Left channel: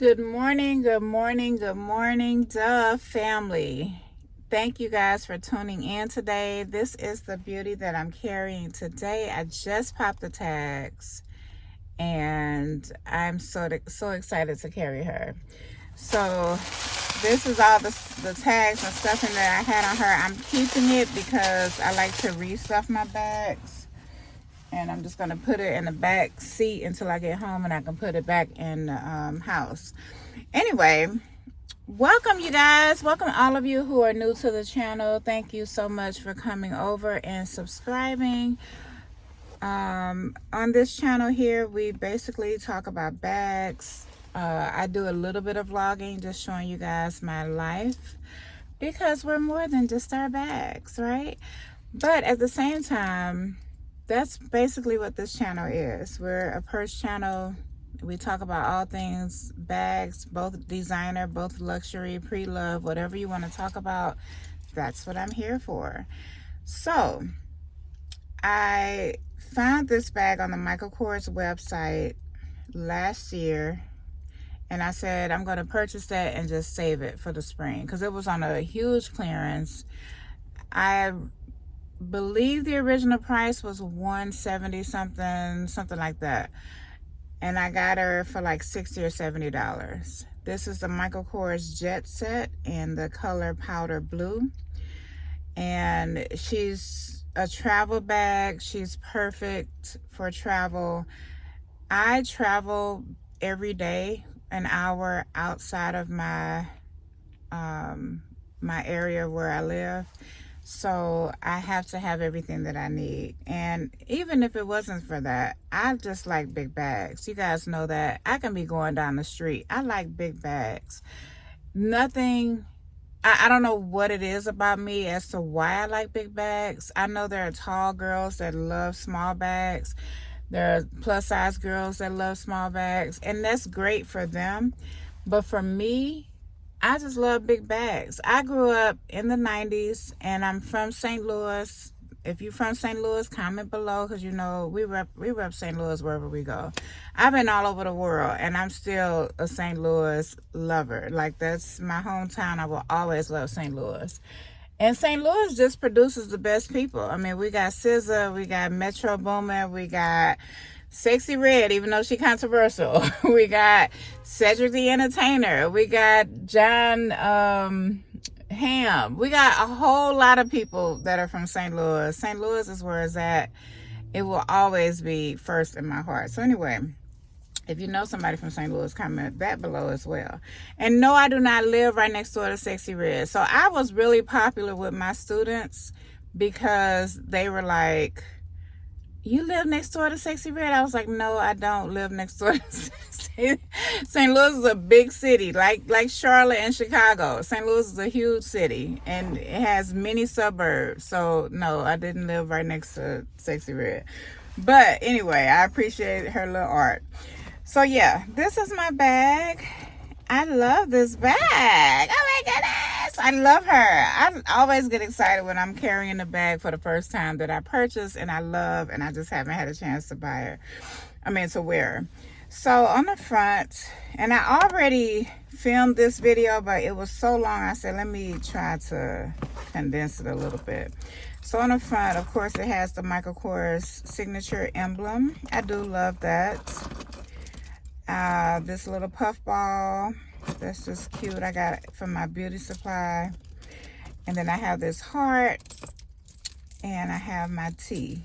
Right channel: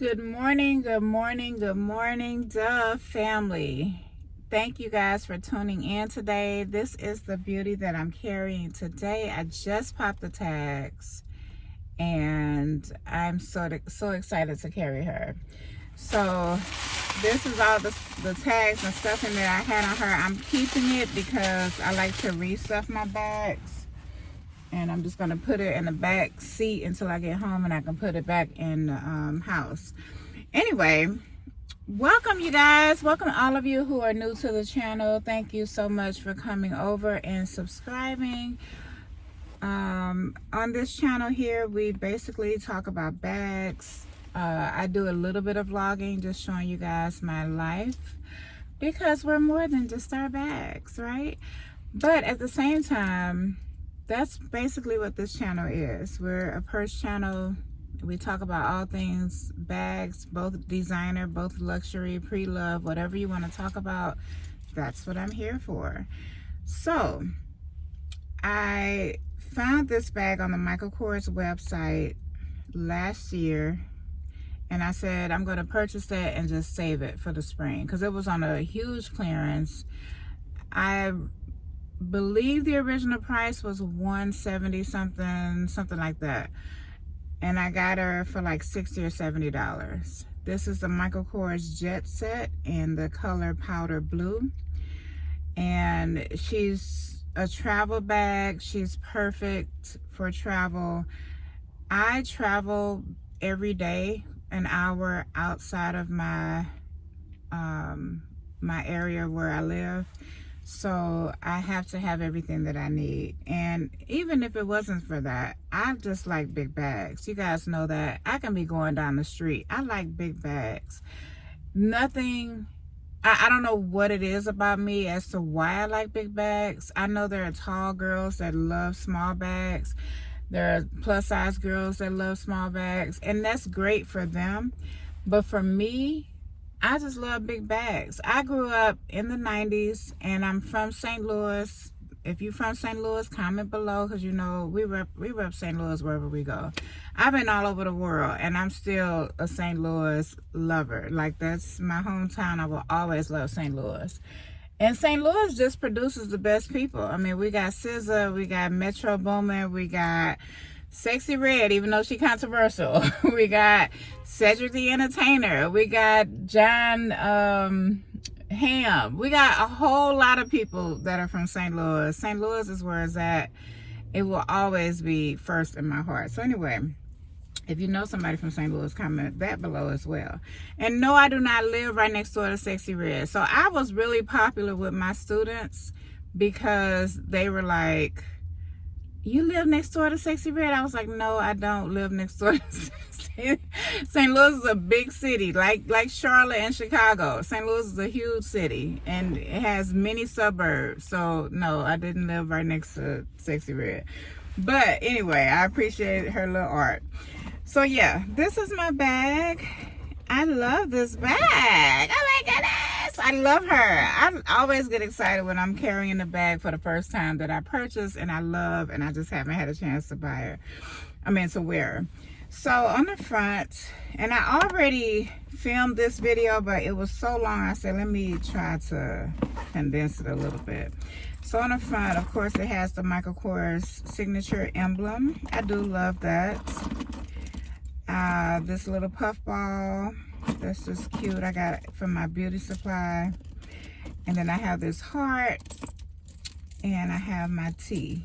Good morning, good morning, good morning, duh family. Thank you guys for tuning in today. This is the beauty that I'm carrying today. I just popped the tags and I'm so excited to carry her. So this is all the tags and stuffing that I had on her. I'm keeping it because I like to restuff my bags. And I'm just going to put it in the back seat until I get home and I can put it back in the house. Anyway, welcome you guys. Welcome all of you who are new to the channel. Thank you so much for coming over and subscribing. On this channel here, we basically talk about bags. I do a little bit of vlogging, just showing you guys my life, because we're more than just our bags, right? But at the same time, that's basically what this channel is. We're a purse channel. We talk about all things bags, both designer, both luxury, pre-love, whatever you want to talk about. That's what I'm here for. So I found this bag on the Michael Kors website last year, and I said I'm going to purchase that and just save it for the spring because it was on a huge clearance. I believe the original price was $170 something like that, and I got her for like $60 or $70. This is the Michael Kors Jet set in the color powder blue, and she's a travel bag. She's perfect for travel. I travel every day an hour outside of my my area where I live. So I have to have everything that I need. And even if it wasn't for that, I just like big bags. You guys know that. I can be going down the street. I like big bags. Nothing, I don't know what it is about me as to why I like big bags. I know there are tall girls that love small bags. There are plus size girls that love small bags. And that's great for them. But for me, I just love big bags. I grew up in the 90s and I'm from St. Louis. If you're from St. Louis, comment below, because you know we rep St. Louis wherever we go. I've been all over the world and I'm still a St. Louis lover. Like, that's my hometown. I will always love St. Louis. And St. Louis just produces the best people. I mean, we got SZA, we got Metro Boomin, we got Sexy Red, even though she controversial. We got Cedric the Entertainer. We got John Ham. We got a whole lot of people that are from St. Louis. St. Louis is where it's at. It will always be first in my heart. So anyway, if you know somebody from St. Louis, comment that below as well. And no, I do not live right next door to Sexy Red. So I was really popular with my students because they were like, "You live next door to Sexy Red?" I was like, "No, I don't live next door to Sexy." St. Louis is a big city, like Charlotte and Chicago. St. Louis is a huge city, and it has many suburbs. So, no, I didn't live right next to Sexy Red. But anyway, I appreciate her little art. So, yeah, this is my bag. I love this bag. Oh, my goodness. I love her. I always get excited when I'm carrying a bag for the first time that I purchase and I love, and I just haven't had a chance to buy her. I mean, to wear her. So on the front, and I already filmed this video, but it was so long, I said, let me try to condense it a little bit. So on the front, of course, it has the Michael Kors signature emblem. I do love that. This little puff ball, that's just cute. I got it from my beauty supply. And then I have this heart, and I have my tea.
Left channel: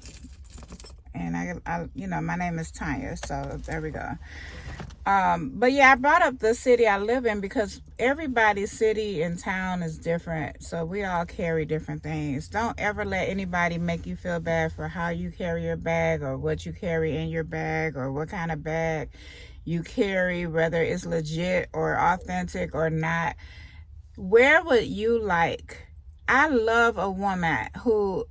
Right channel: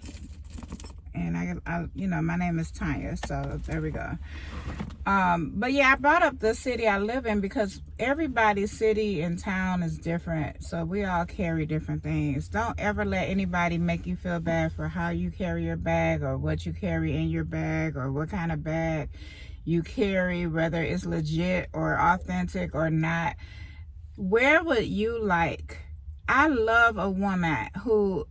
And I you know, my name is Tanya, so there we go. But yeah, I brought up the city I live in because everybody's city and town is different. So we all carry different things. Don't ever let anybody make you feel bad for how you carry your bag or what you carry in your bag or what kind of bag you carry, whether it's legit or authentic or not. Wear what you like. I love a woman who,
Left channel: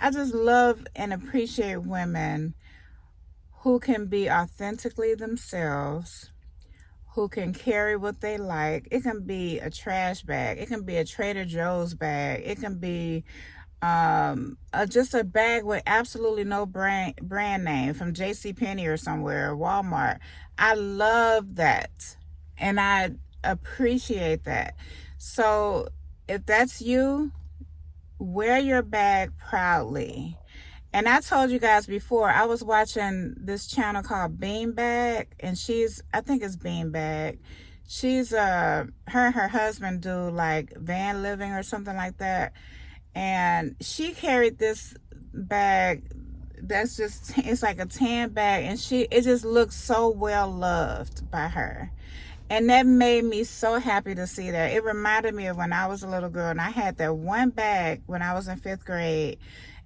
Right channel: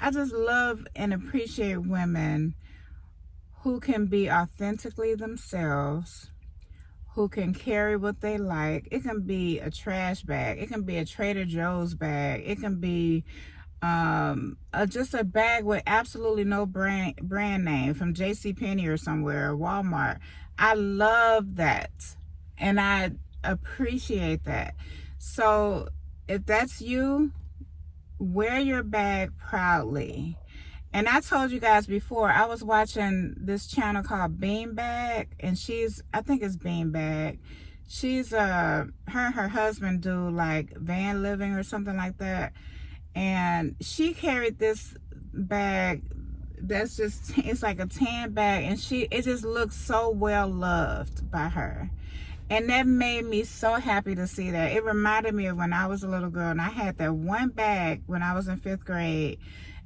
I just love and appreciate women who can be authentically themselves, who can carry what they like. It can be a trash bag. It can be a Trader Joe's bag. It can be just a bag with absolutely no brand name from JCPenney or somewhere, or Walmart. I love that. And I appreciate that. So if that's you, wear your bag proudly. And I told you guys before, I was watching this channel called Beanbag, and I think it's Beanbag. She's her and her husband do like van living or something like that. And she carried this bag that's just, it's like a tan bag, and it just looks so well loved by her. And that made me so happy to see that. It reminded me of when I was a little girl, and I had that one bag when I was in 5th grade,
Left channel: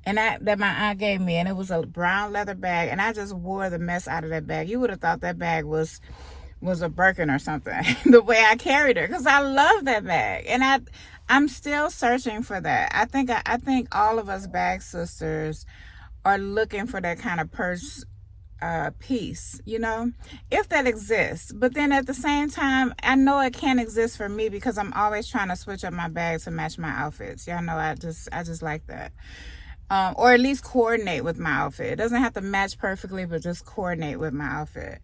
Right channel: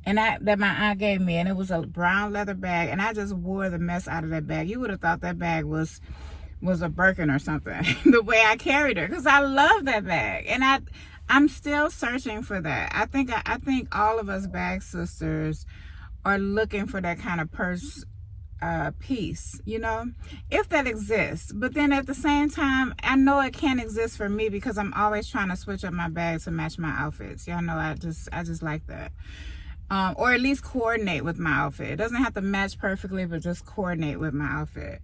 and that my aunt gave me, and it was a brown leather bag, and I just wore the mess out of that bag. You would have thought that bag was a Birkin or something, the way I carried her, because I love that bag. And I'm still searching for that. I think all of us bag sisters are looking for that kind of purse piece, you know, if that exists. But then at the same time, I know it can't exist for me, because I'm always trying to switch up my bags to match my outfits. Y'all know I just like that. Or at least coordinate with my outfit. It doesn't have to match perfectly, but just coordinate with my outfit.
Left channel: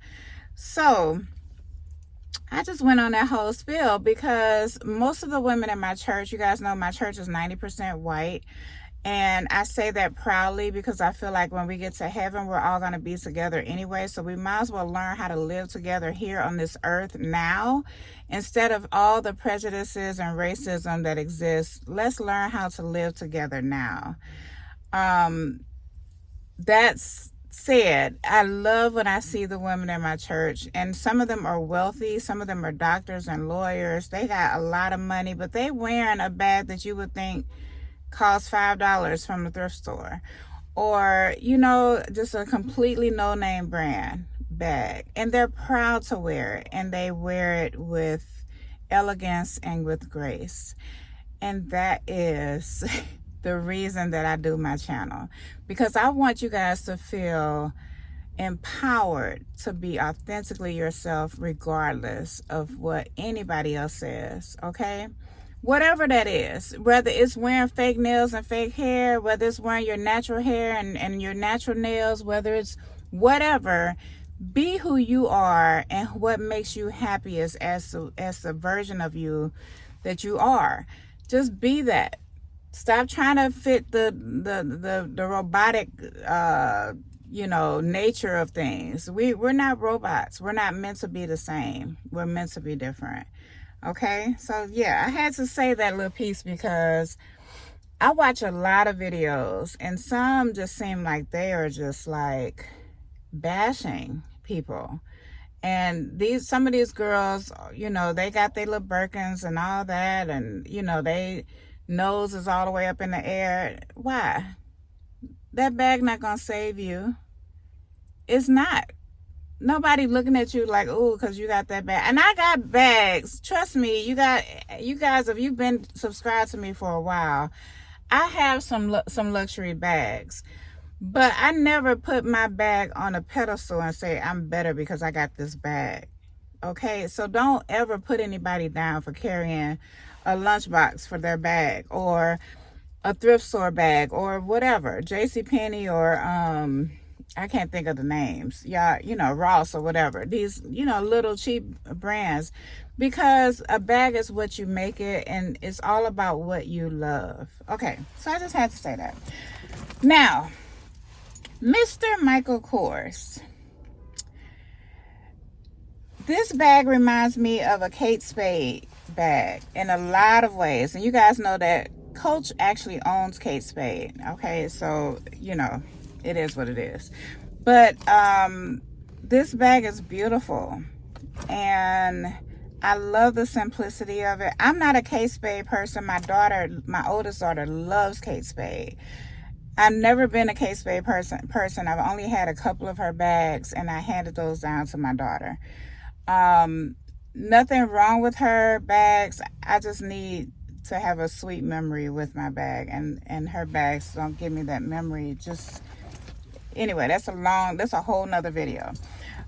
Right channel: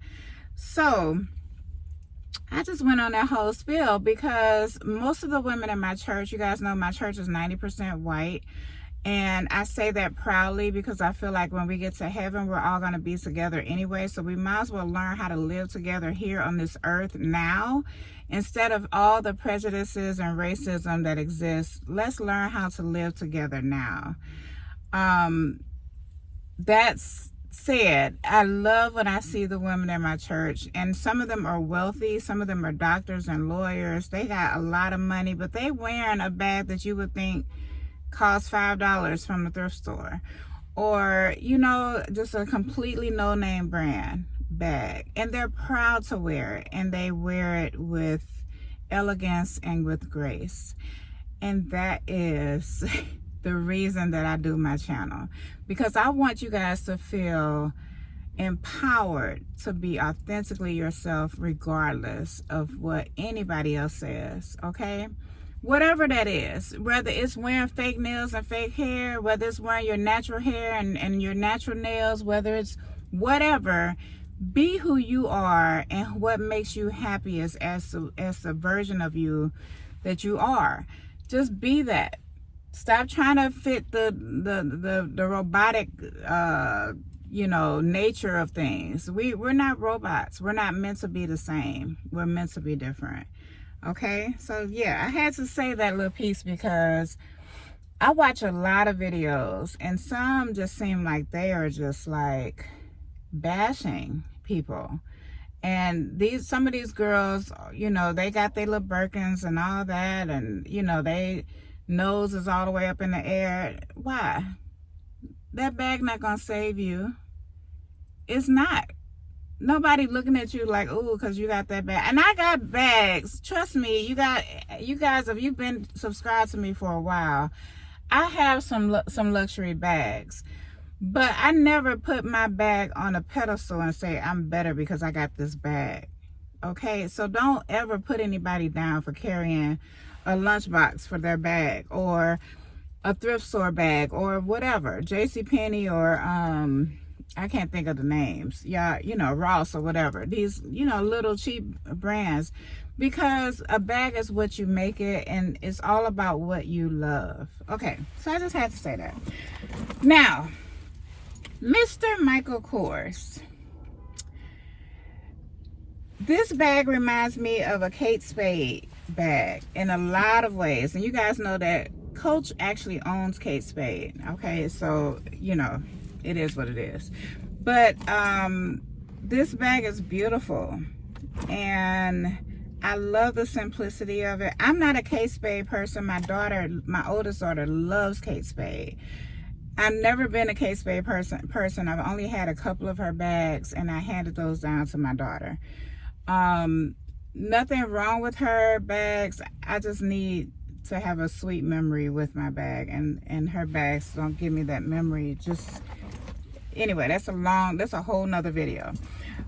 So I just went on that whole spiel because most of the women in my church, you guys know my church is 90% white. And I say that proudly because I feel like when we get to heaven, we're all going to be together anyway. So we might as well learn how to live together here on this earth now. Instead of all the prejudices and racism that exists, let's learn how to live together now. That's said, I love when I see the women in my church, and some of them are wealthy, some of them are doctors and lawyers. They got a lot of money, but they wearing a bag that you would think costs $5 from the thrift store, or, you know, just a completely no-name brand bag, and they're proud to wear it, and they wear it with elegance and with grace. And that is the reason that I do my channel, because I want you guys to feel empowered to be authentically yourself regardless of what anybody else says, okay? Whatever that is, whether it's wearing fake nails and fake hair, whether it's wearing your natural hair and your natural nails, whether it's whatever, be who you are and what makes you happy as the version of you that you are. Just be that. Stop trying to fit the robotic you know, nature of things. We're not robots. We're not meant to be the same. We're meant to be different. Okay, so yeah, I had to say that little piece because I watch a lot of videos, and some just seem like they are just like bashing people. And some of these girls, you know, they got their little Birkins and all that, and you know, they nose is all the way up in the air. Why? That bag not gonna save you. It's not. Nobody looking at you like, oh, because you got that bag. And I got bags. Trust me, you guys, if you've been subscribed to me for a while, I have some luxury bags. But I never put my bag on a pedestal and say I'm better because I got this bag. Okay, so don't ever put anybody down for carrying a lunchbox for their bag, or a thrift store bag, or whatever, JCPenney, or I can't think of the names. Yeah, you know, Ross or whatever. These, you know, little cheap brands. Because a bag is what you make it, and it's all about what you love. Okay, so I just had to say that. Now, Mr. Michael Kors. This bag reminds me of a Kate Spade bag in a lot of ways. And you guys know that Coach actually owns Kate Spade. Okay, so, you know, it is what it is. But this bag is beautiful, and I love the simplicity of it. I'm not a Kate Spade person. My oldest daughter loves Kate Spade. I've never been a Kate Spade person. I've only had a couple of her bags, and I handed those down to my daughter. Nothing wrong with her bags. I just need to have a sweet memory with my bag, and her bags don't give me that memory. Just anyway, that's a whole nother video.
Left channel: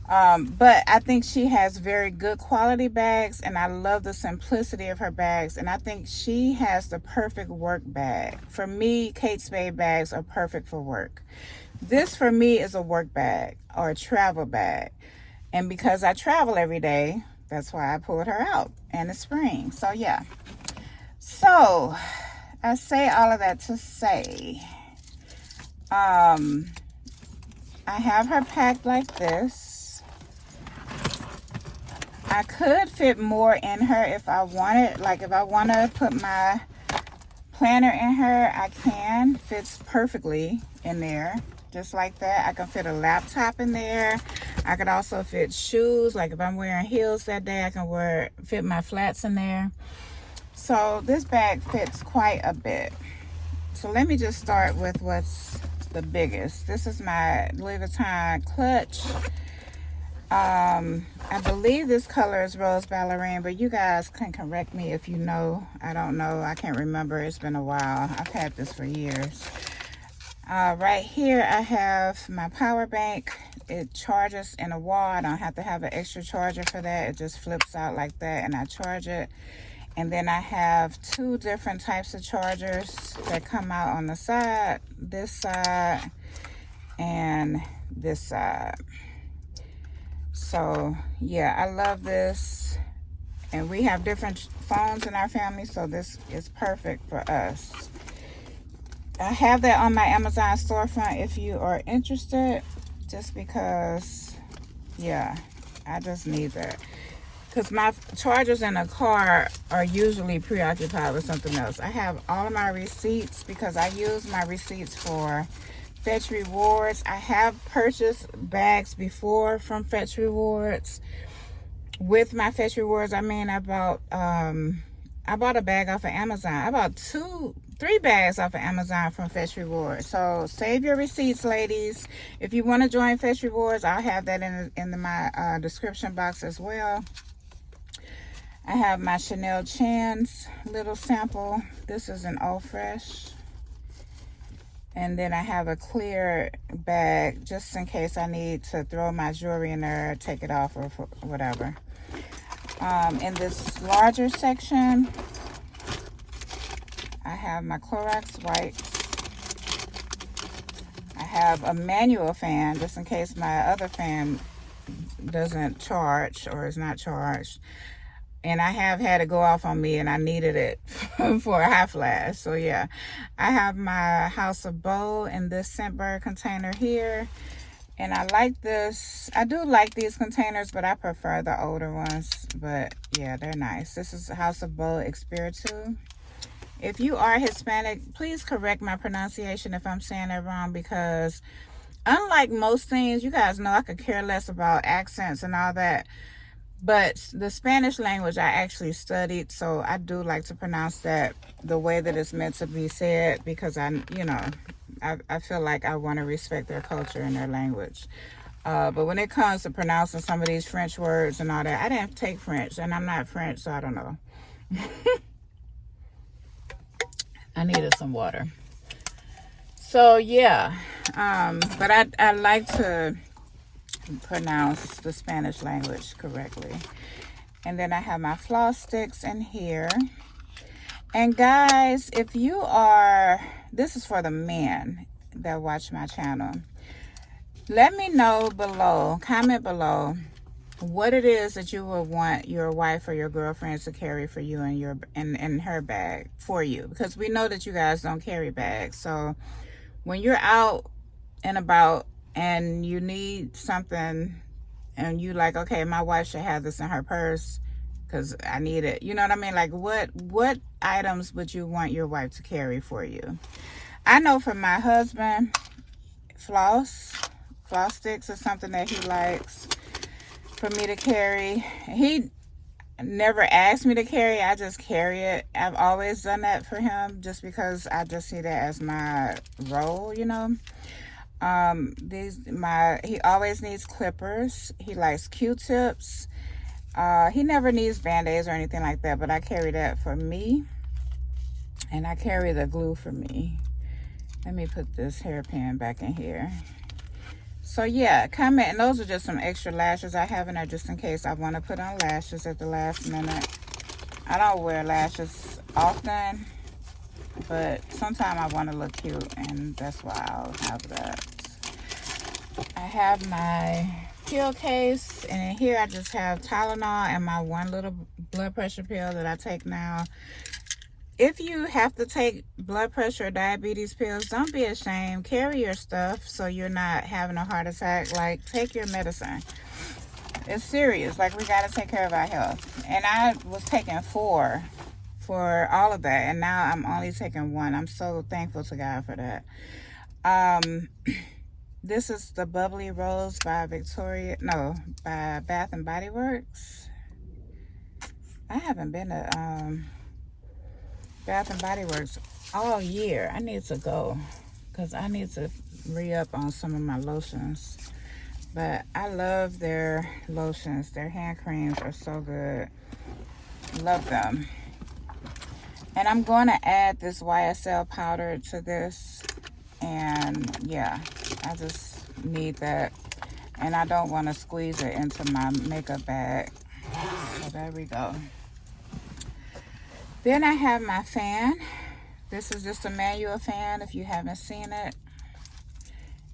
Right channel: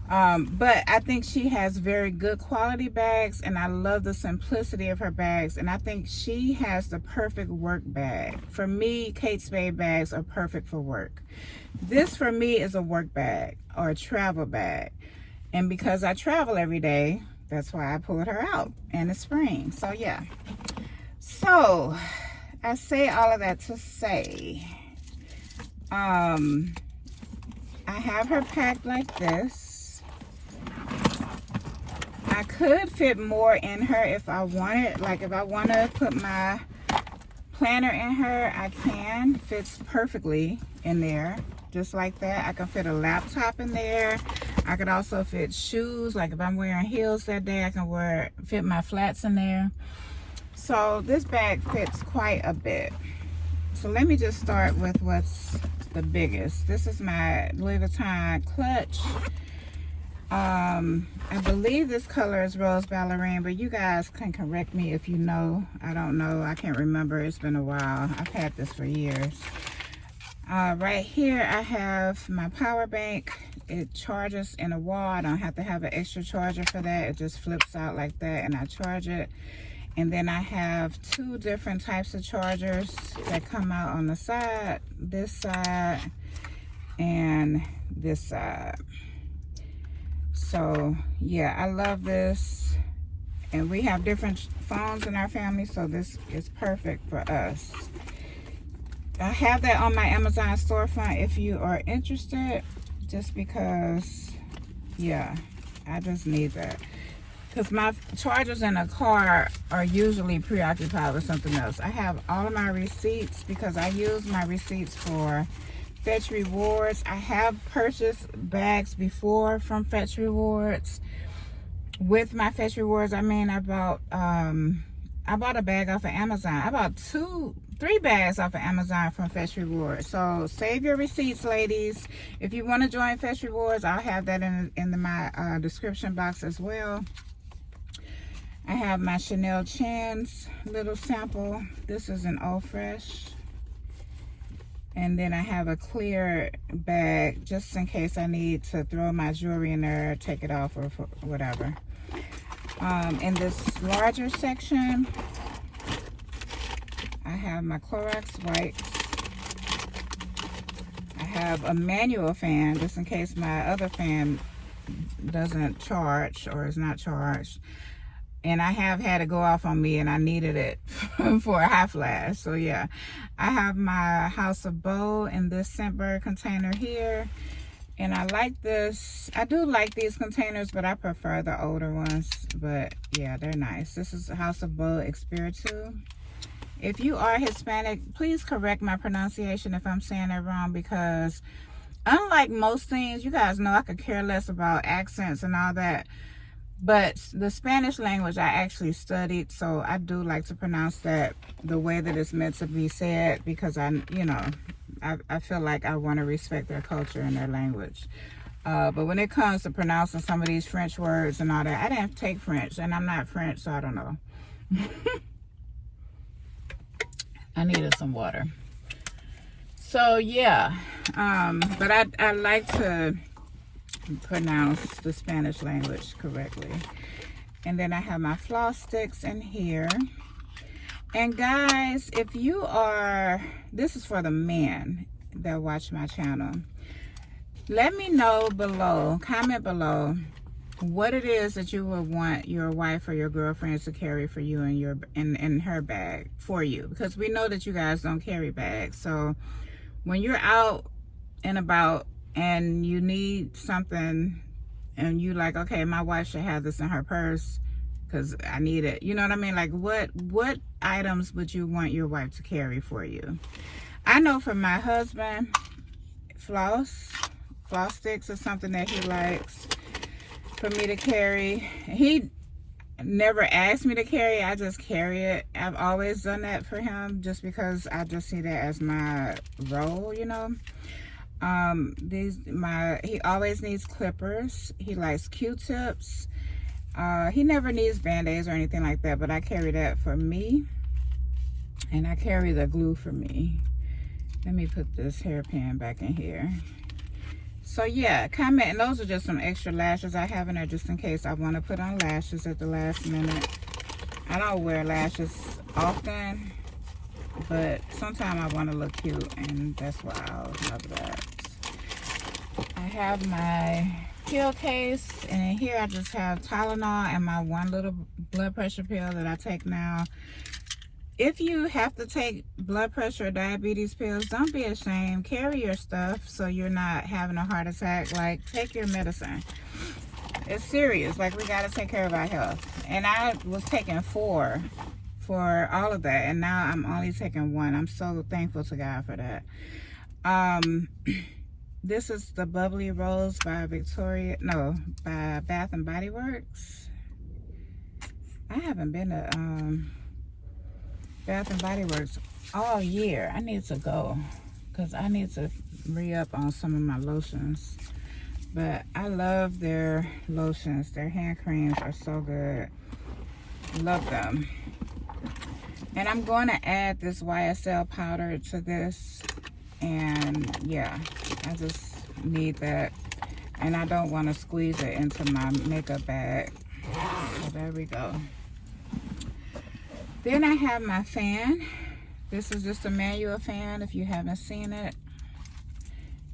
But I think she has very good quality bags, and I love the simplicity of her bags, and I think she has the perfect work bag. For me, Kate Spade bags are perfect for work. This for me is a work bag or a travel bag, and because I travel every day, that's why I pulled her out in the spring. So yeah, so I say all of that to say, I have her packed like this. I could fit more in her if I wanted. Like if I want to put my planner in her, I can. Fits perfectly in there, just like that. I can fit a laptop in there. I could also fit shoes. Like if I'm wearing heels that day, I can fit my flats in there. So this bag fits quite a bit. So let me just start with what's the biggest. This is my Louis Vuitton clutch. I believe this color is Rose Ballerine, but you guys can correct me if you know. I don't know. I can't remember. It's been a while. I've had this for years. Right here, I have my power bank. It charges in a wall. I don't have to have an extra charger for that. It just flips out like that, and I charge it. And then I have two different types of chargers that come out on the side, this side and this side. So yeah, I love this. And we have different phones in our family, so this is perfect for us. I have that on my Amazon storefront if you are interested, just because, yeah, I just need that. Because my chargers in a car are usually preoccupied with something else. I have all of my receipts because I use my receipts for Fetch Rewards. I have purchased bags before from Fetch Rewards. With my Fetch Rewards, I mean, I bought a bag off of Amazon. I bought 3 bags off of Amazon from Fetch Rewards. So save your receipts, ladies. If you want to join Fetch Rewards, I'll have that in my description box as well. I have my Chanel Chins little sample. This is an All Fresh. And then I have a clear bag just in case I need to throw my jewelry in there, take it off, or whatever. In this larger section, I have my Clorox wipes. I have a manual fan just in case my other fan doesn't charge or is not charged. And I have had it go off on me and I needed it for a high flash. So yeah, I have my House of Bow in this Scentbird container here. And I like this. I do like these containers, but I prefer the older ones. But yeah, they're nice. This is House of Bow Espiritu. If you are Hispanic, please correct my pronunciation if I'm saying it wrong, because unlike most things, you guys know I could care less about accents and all that. But the Spanish language I actually studied, so I do like to pronounce that the way that it's meant to be said, because I feel like I want to respect their culture and their language. But when it comes to pronouncing some of these French words and all that, I didn't take French, and I'm not French, so I don't know. I needed some water. So yeah, but I like to pronounce the Spanish language correctly. And then I have my floss sticks in here. And guys, if you are, this is for the men that watch my channel, let me know below, comment below, what it is that you will want your wife or your girlfriend to carry for you in her bag for you, because we know that you guys don't carry bags. So when you're out and about and you need something and you like, okay, my wife should have this in her purse because I need it, you know what I mean? Like what items would you want your wife to carry for you? I know for my husband, floss sticks is something that he likes for me to carry. He never asked me to carry, I just carry it. I've always done that for him just because I just see that as my role, you know. He always needs clippers. He likes Q-tips. He never needs Band-Aids or anything like that, but I carry that for me. And I carry the glue for me. Let me put this hairpin back in here. So yeah, comment. And those are just some extra lashes I have in there just in case I want to put on lashes at the last minute. I don't wear lashes often, but sometimes I want to look cute, and that's why I'll have that. I have my pill case, and in here I just have Tylenol and my one little blood pressure pill that I take now. If you have to take blood pressure or diabetes pills, don't be ashamed. Carry your stuff so you're not having a heart attack. Like, take your medicine. It's serious. Like, we got to take care of our health. And I was taking 4 for all of that, and now I'm only taking 1. I'm so thankful to God for that. This is the Bubbly Rose by by Bath and Body Works. I haven't been to Bath and Body Works all year. I need to go because I need to re-up on some of my lotions. But I love their lotions. Their hand creams are so good. Love them. And I'm going to add this YSL powder to this. And yeah, I just need that. And I don't want to squeeze it into my makeup bag. So there we go. Then I have my fan. This is just a manual fan if you haven't seen it.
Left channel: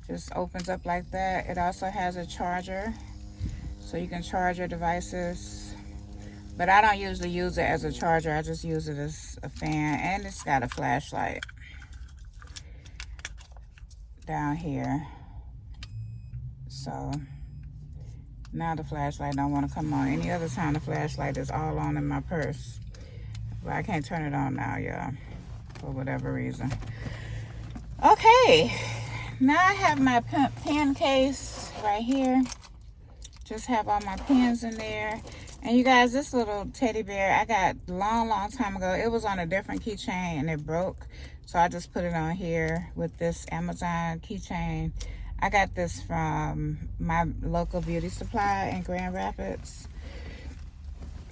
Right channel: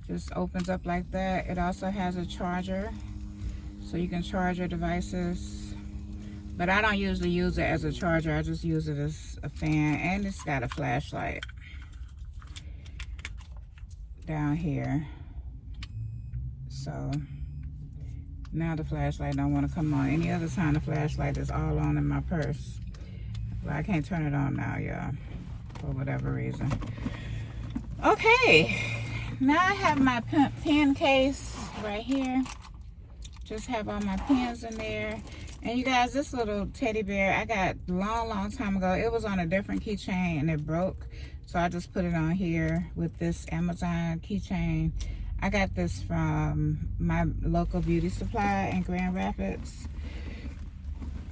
Just opens up like that. It also has a charger, so you can charge your devices. But I don't usually use it as a charger. I just use it as a fan. And it's got a flashlight down here. So now the flashlight don't want to come on. Any other time the flashlight is all on in my purse. But I can't turn it on now, y'all, for whatever reason. Okay, now I have my pen case right here. Just have all my pens in there. And you guys, this little teddy bear I got long time ago. It was on a different keychain and it broke. So I just put it on here with this Amazon keychain. I got this from my local beauty supply in Grand Rapids.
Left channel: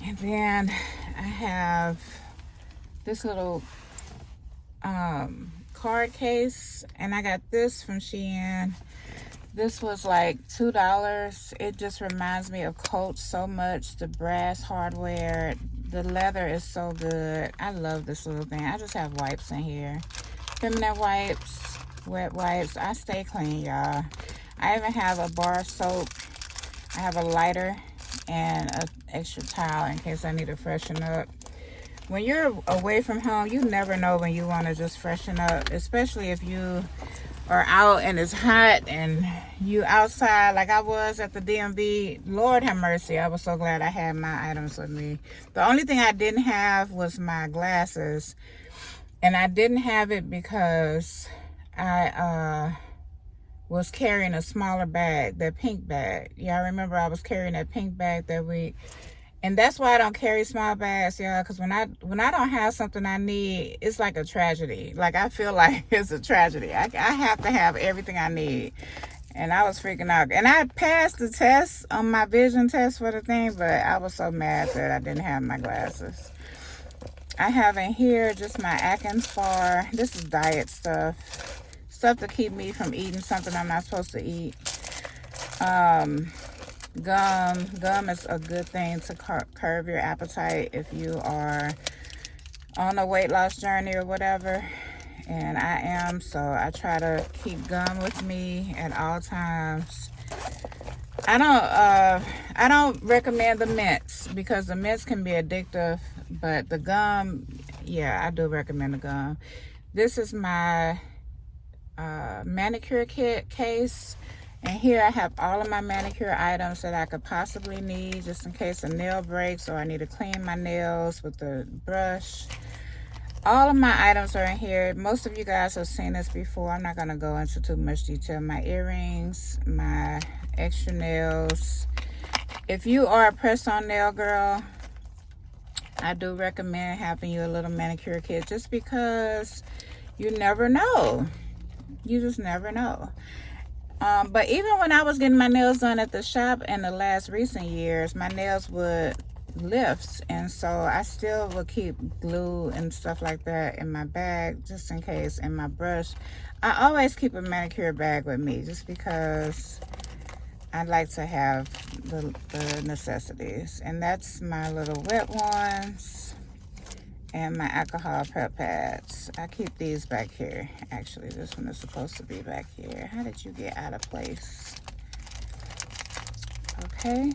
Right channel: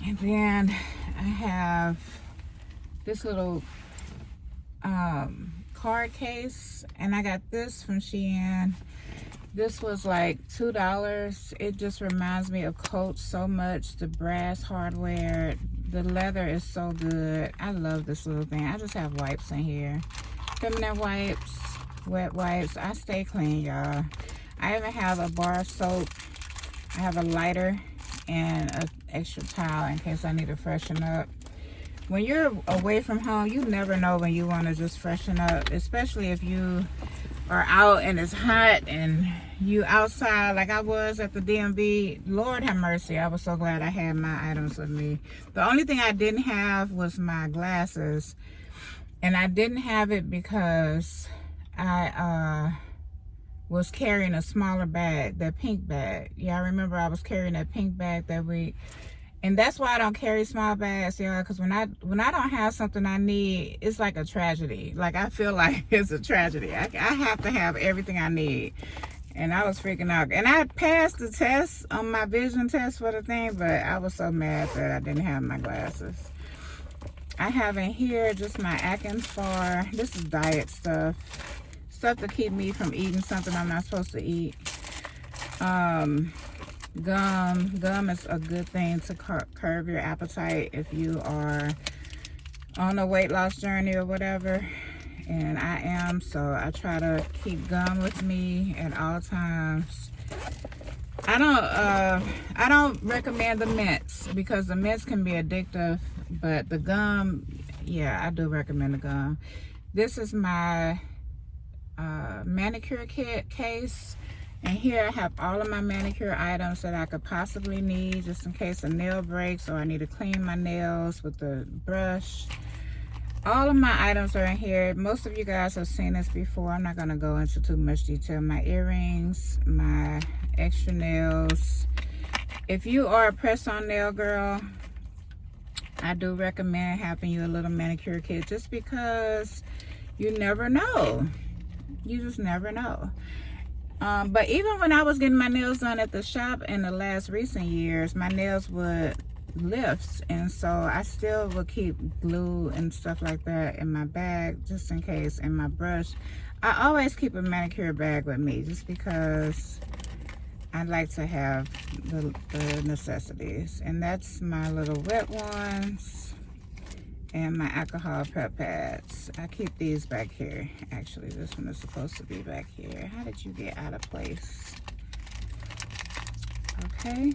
And then I have this little card case, and I got this from Shein. This was like $2. It just reminds me of Coach so much. The brass hardware, the leather is so good. I love this little thing. I just have wipes in here, feminine wipes, wet wipes. I stay clean, y'all. I even have a bar of soap. I have a lighter and an extra towel in case I need to freshen up. When you're away from home, you never know when you want to just freshen up, especially if you are out and it's hot and you outside like I was at the DMV. Lord have mercy, I was so glad I had my items with me. The only thing I didn't have was my glasses, and I didn't have it because I was carrying a smaller bag, that pink bag. Y'all remember I was carrying that pink bag that week. And that's why I don't carry small bags, y'all, because when I don't have something I need, it's like a tragedy. Like, I feel like it's a tragedy. I have to have everything I need. And I was freaking out. And I passed the test on my vision test for the thing, but I was so mad that I didn't have my glasses. I have in here just my Atkins bar. This is diet stuff. Stuff to keep me from eating something I'm not supposed to eat. Gum is a good thing to curb your appetite if you are on a weight loss journey or whatever, and I am, so I try to keep gum with me at all times. I don't recommend the mints because the mints can be addictive, but the gum, yeah, I do recommend the gum. This is my manicure kit case. And here I have all of my manicure items that I could possibly need just in case a nail breaks or I need to clean my nails with a brush. All of my items are in here. Most of you guys have seen this before. I'm not going to go into too much detail. My earrings, my extra nails. If you are a press-on nail girl, I do recommend having you a little manicure kit just because you never know. You just never know. But even when I was getting my nails done at the shop in the last recent years, my nails would lift, and so I still would keep glue and stuff like that in my bag just in case, and my brush. I always keep a manicure bag with me just because I like to have the necessities. And that's my little wet ones and my alcohol prep pads. I keep these back here. Actually, this one is supposed to be back here. How did you get out of place? Okay.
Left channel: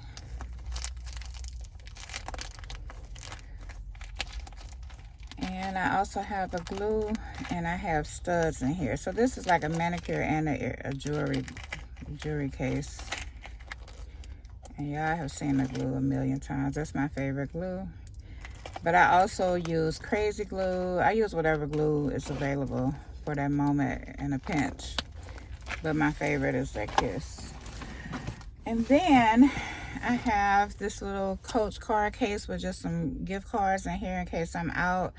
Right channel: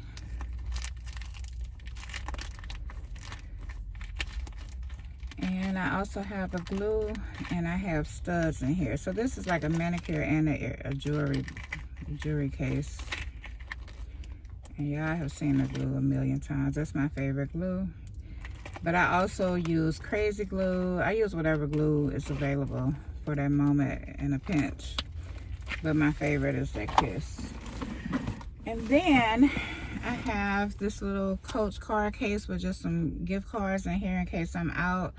And I also have a glue, and I have studs in here. So this is like a manicure and a jewelry case. And y'all have seen the glue a million times. That's my favorite glue. But I also use crazy glue. I use whatever glue is available for that moment in a pinch. But my favorite is that Kiss. And then I have this little Coach card case with just some gift cards in here in case I'm out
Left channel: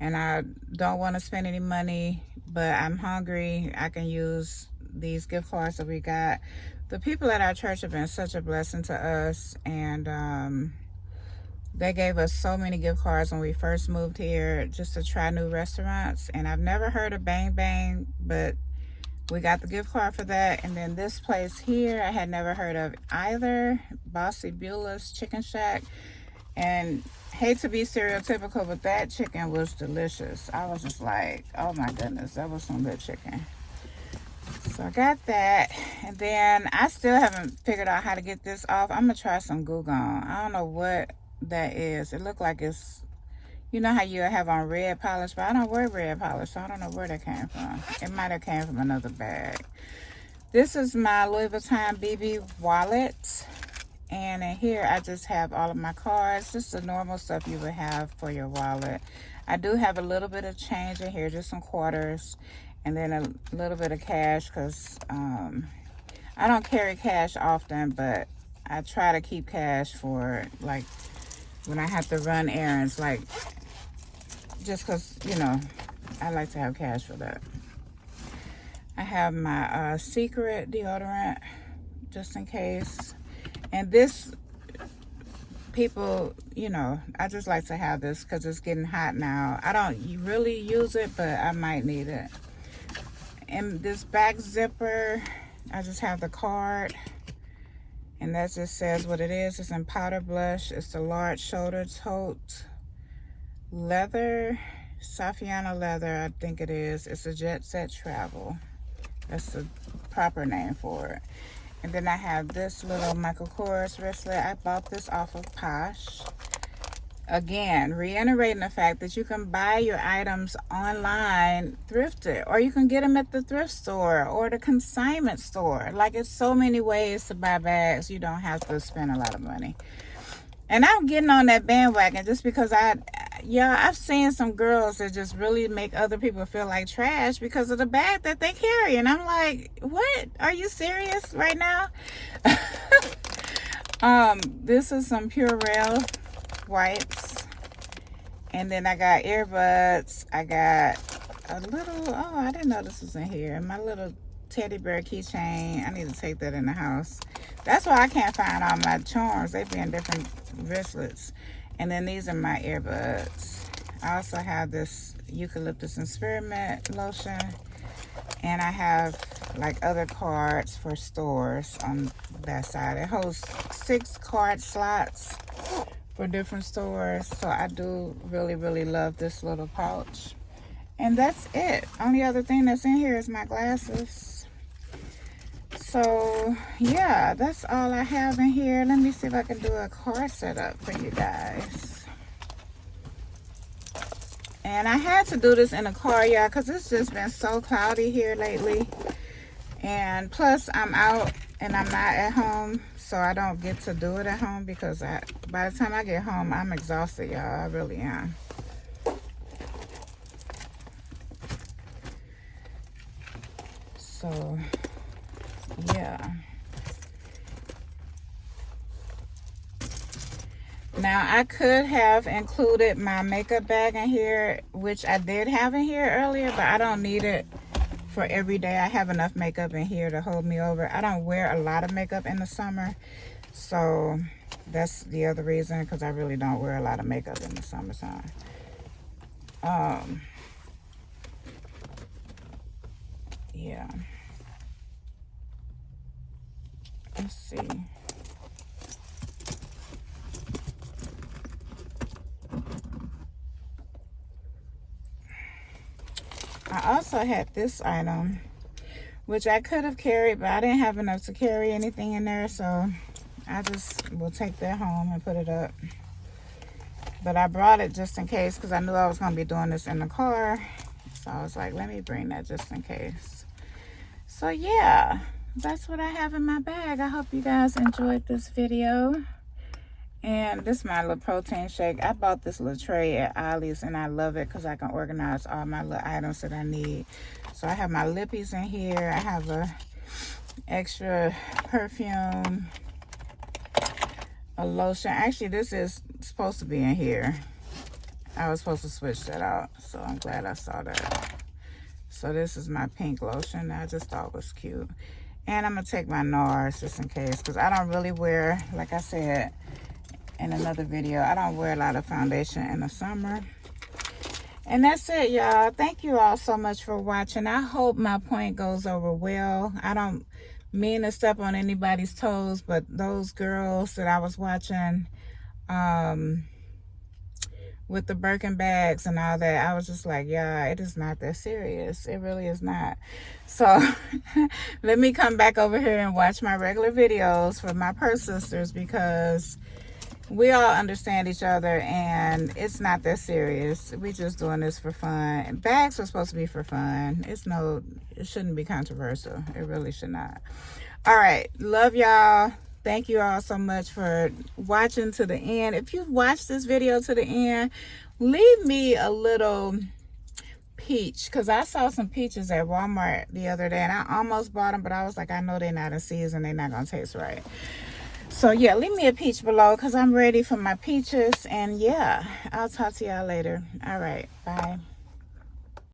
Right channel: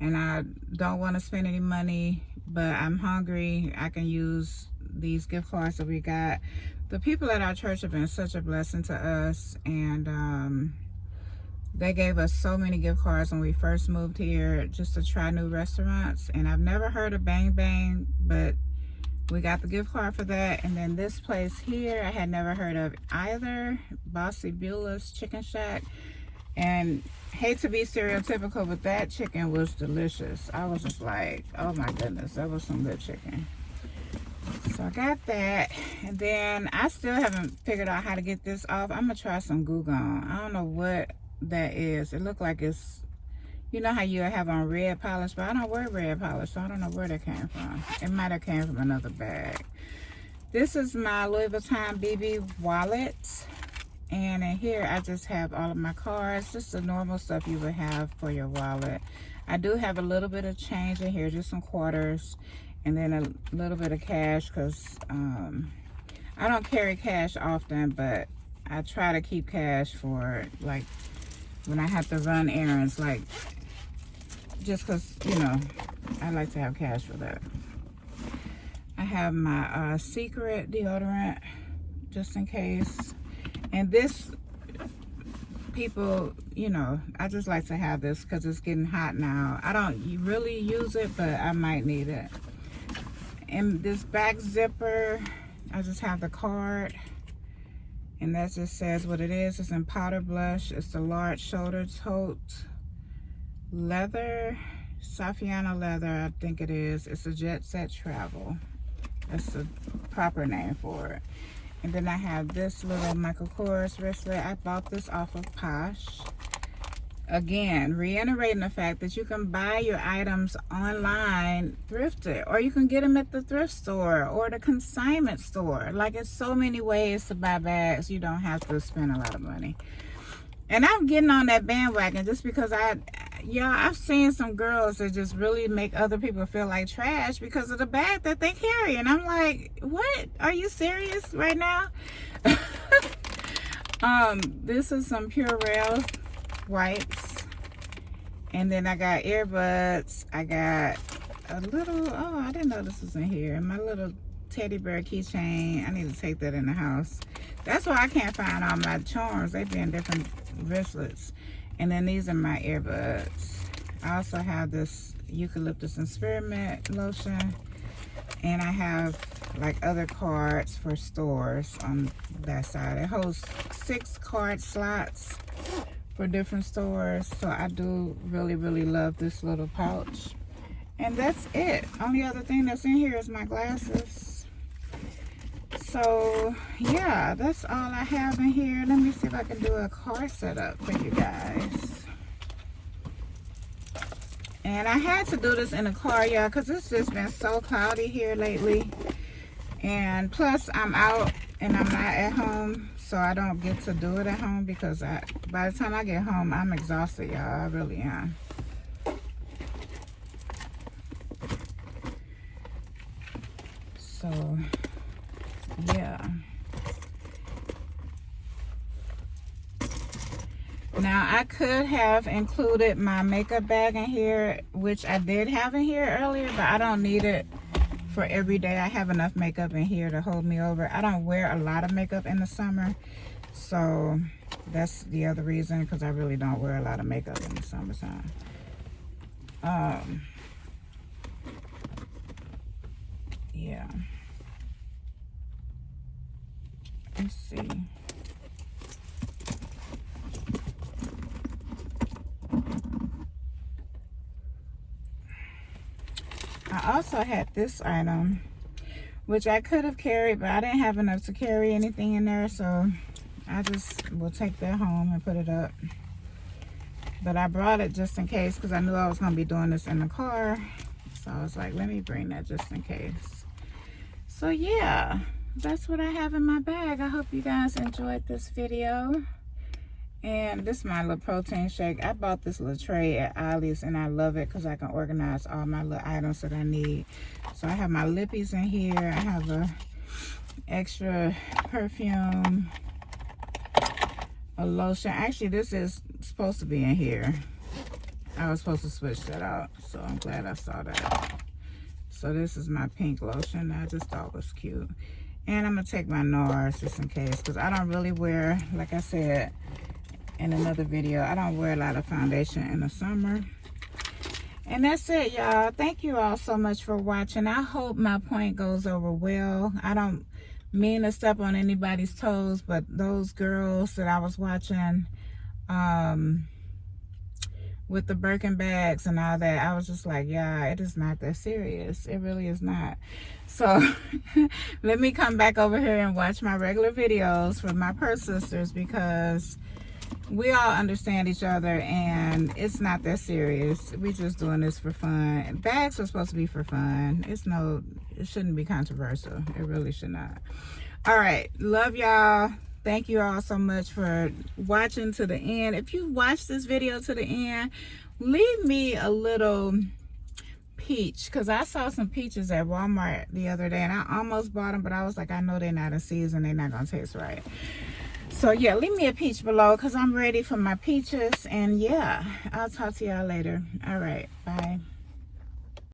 and I don't want to spend any money, but I'm hungry. I can use these gift cards that we got. The people at our church have been such a blessing to us, and they gave us so many gift cards when we first moved here just to try new restaurants. And I've never heard of Bang Bang, but we got the gift card for that. And then this place here, I had never heard of either. Bossy Beulah's Chicken Shack. And hate to be stereotypical, but that chicken was delicious. I was just like, oh my goodness, that was some good chicken. So I got that. And then I still haven't figured out how to get this off. I'm gonna try some Goo Gone. I don't know what that is. It looked like it's, you know how you have on red polish, but I don't wear red polish, so I don't know where that came from. It might have came from another bag. This is my Louis Vuitton BB wallet, and in here I just have all of my cards, just the normal stuff you would have for your wallet. I do have a little bit of change in here, just some quarters, and then a little bit of cash, because I don't carry cash often, but I try to keep cash for like when I have to run errands, like just because, you know, I like to have cash for that. I have my Secret deodorant just in case. And this, people, you know, I just like to have this because it's getting hot now. I don't really use it, but I might need it. And this back zipper, I just have the card. And that just says what it is. It's in powder blush. It's the large shoulder tote leather, Saffiano leather, I think it is. It's a Jet Set Travel. That's the proper name for it. And then I have this little Michael Kors wristlet. I bought this off of Posh. Again, reiterating the fact that you can buy your items online thrifted, or you can get them at the thrift store or the consignment store. Like, it's so many ways to buy bags. You don't have to spend a lot of money. And I'm getting on that bandwagon just because I've seen some girls that just really make other people feel like trash because of the bag that they carry. And I'm like, what? Are you serious right now? This is some Purell wipes. And then I got earbuds. I got a little, oh, I didn't know this was in here. My little teddy bear keychain. I need to take that in the house. That's why I can't find all my charms. They be in different wristlets. And then these are my earbuds. I also have this eucalyptus and spearmint lotion. And I have like other cards for stores on that side. It holds 6 card slots for different stores. So I do really, really love this little pouch. And that's it. Only other thing that's in here is my glasses. So yeah, that's all I have in here. Let me see if I can do a car setup for you guys. And I had to do this in a car, y'all, because it's just been so cloudy here lately. And plus I'm out and I'm not at home, so I don't get to do it at home because by the time I get home, I'm exhausted, y'all. I really am. So yeah. Now I could have included my makeup bag in here, which I did have in here earlier, but I don't need it for every day. I have enough makeup in here to hold me over. I don't wear a lot of makeup in the summer, so that's the other reason, because I really don't wear a lot of makeup in the summertime. Yeah. Let's see. I also had this item, which I could have carried, but I didn't have enough to carry anything in there, so I just will take that home and put it up. But I brought it just in case because I knew I was going to be doing this in the car. So I was like, let me bring that just in case. So yeah, that's what I have in my bag. I hope you guys enjoyed this video. And this is my little protein shake. I bought this little tray at Ollie's and I love it because I can organize all my little items that I need. So I have my lippies in here. I have a extra perfume, a lotion. Actually, this is supposed to be in here. I was supposed to switch that out, so I'm glad I saw that. So this is my pink lotion that I just thought was cute. And I'm gonna take my NARS just in case, because I don't really wear, like I said in another video, I don't wear a lot of foundation in the summer. And that's it, y'all. Thank you all so much for watching. I hope my point goes over well. I don't mean to step on anybody's toes, but those girls that I was watching with the Birkin bags and all that, I was just like, yeah, it is not that serious. It really is not. So let me come back over here and watch my regular videos for my purse sisters, because we all understand each other and it's not that serious. We just doing this for fun. Bags are supposed to be for fun. It shouldn't be controversial. It really should not. All right, love y'all. Thank you all so much for watching to the end. If you watched this video to the end, leave me a little peach, because I saw some peaches at Walmart the other day and I almost bought them, but I was like, I know they're not in season, they're not gonna taste right. So yeah, leave me a peach below because I'm ready for my peaches. And yeah, I'll talk to y'all later. All right, bye.